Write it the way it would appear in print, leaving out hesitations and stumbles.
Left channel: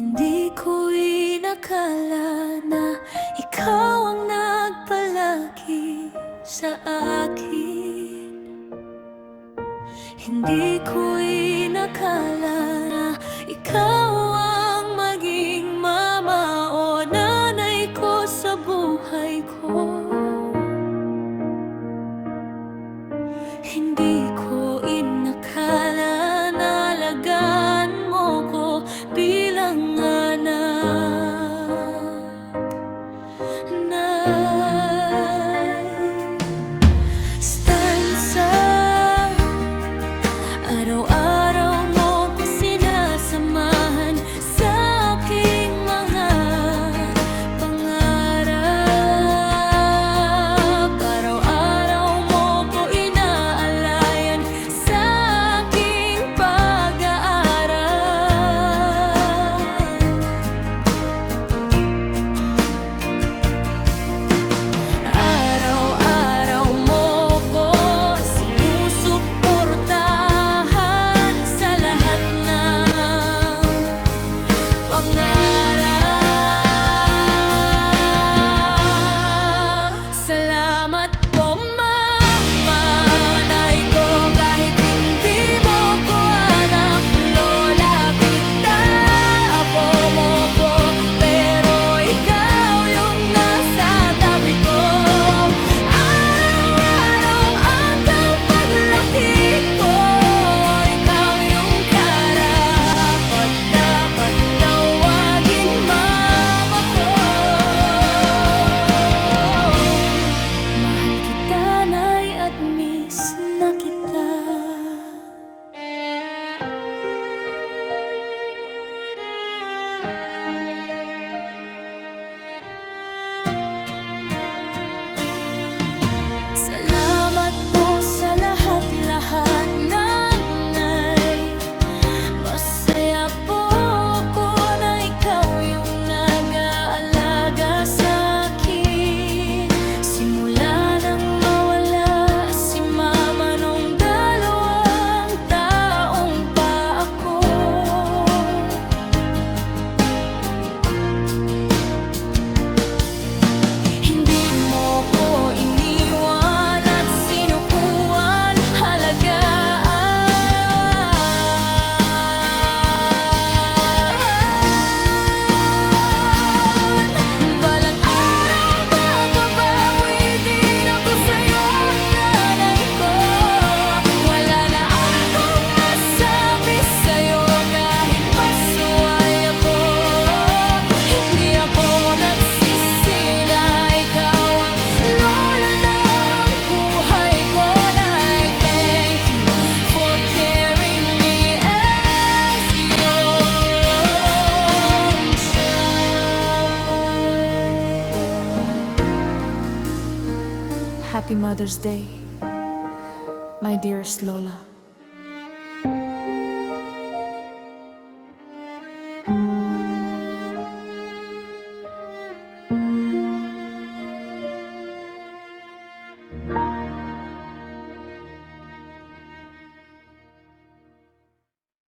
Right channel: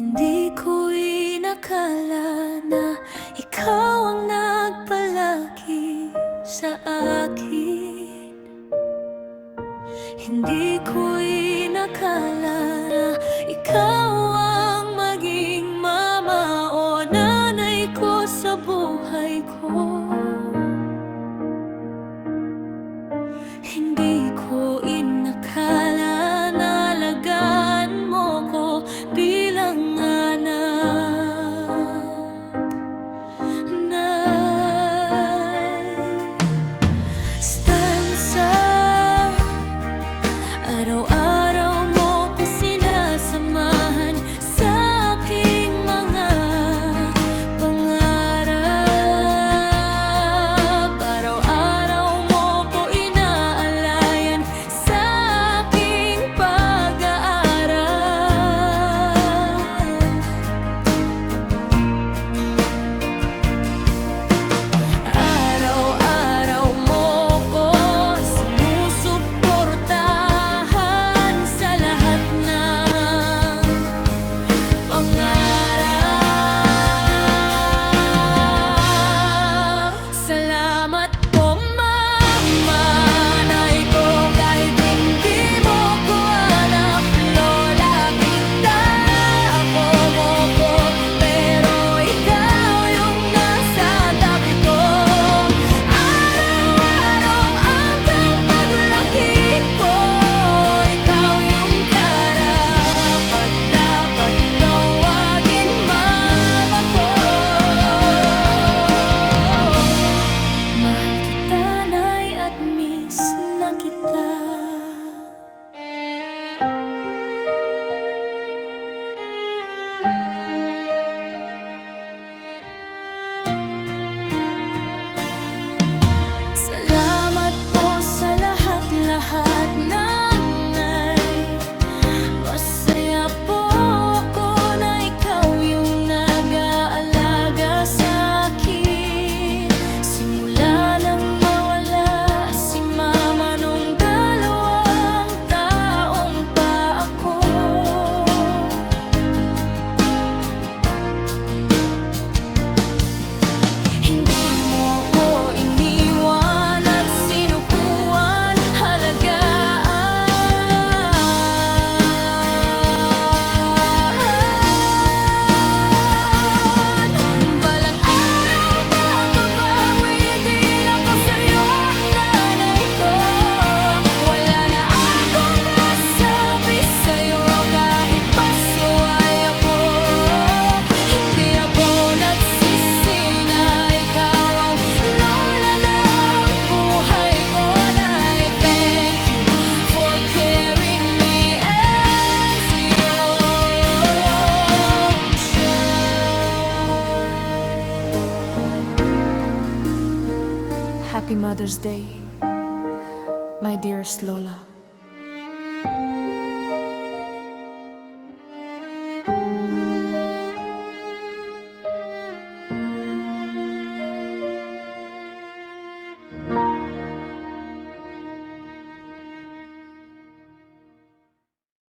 Hindi ko inakala na ikaw ang nagpalaki sa akin. Hindi ko inakala na ikaw ang maging mama o nanay ko sa buhay ko. Hindi ko inakala na alagaan mo ko bilang anak. Stanza, araw-araw mo ko sinasamahan sa aking mga pangarap. Araw-araw mo ko inaalayan sa aking pag-aaral. Araw-araw mo ko sinusuportahan sa lahat ng pangarap. Salamat po, Mama, Nay ko, kahit hindi mo ko anak. Lola kita, ako mo ko, pero ikaw yung nasa tabi ko. Araw-araw hanggang paglaki ko, ikaw yung karapat-dapat tawagin mama ko. Mahal kita, Nay, at miss na kita. Salamat po sa lahat-lahat, Nanay. Masaya po ako na ikaw yung nag-aalaga sa akin. Simula nang mawala si Mama nung 2 taong pa ako. Hindi mo ko iniwan at sinukuan, halagaan. Balang araw makabawi din ako sa'yo, nanay ko. Wala na akong masabi sa'yo kahit pasuway ako. Hindi ako nagsisi na ikaw ang lola ng buhay ko. I thank you for carrying me as your own child. Happy Mother's Day, my dearest Lola.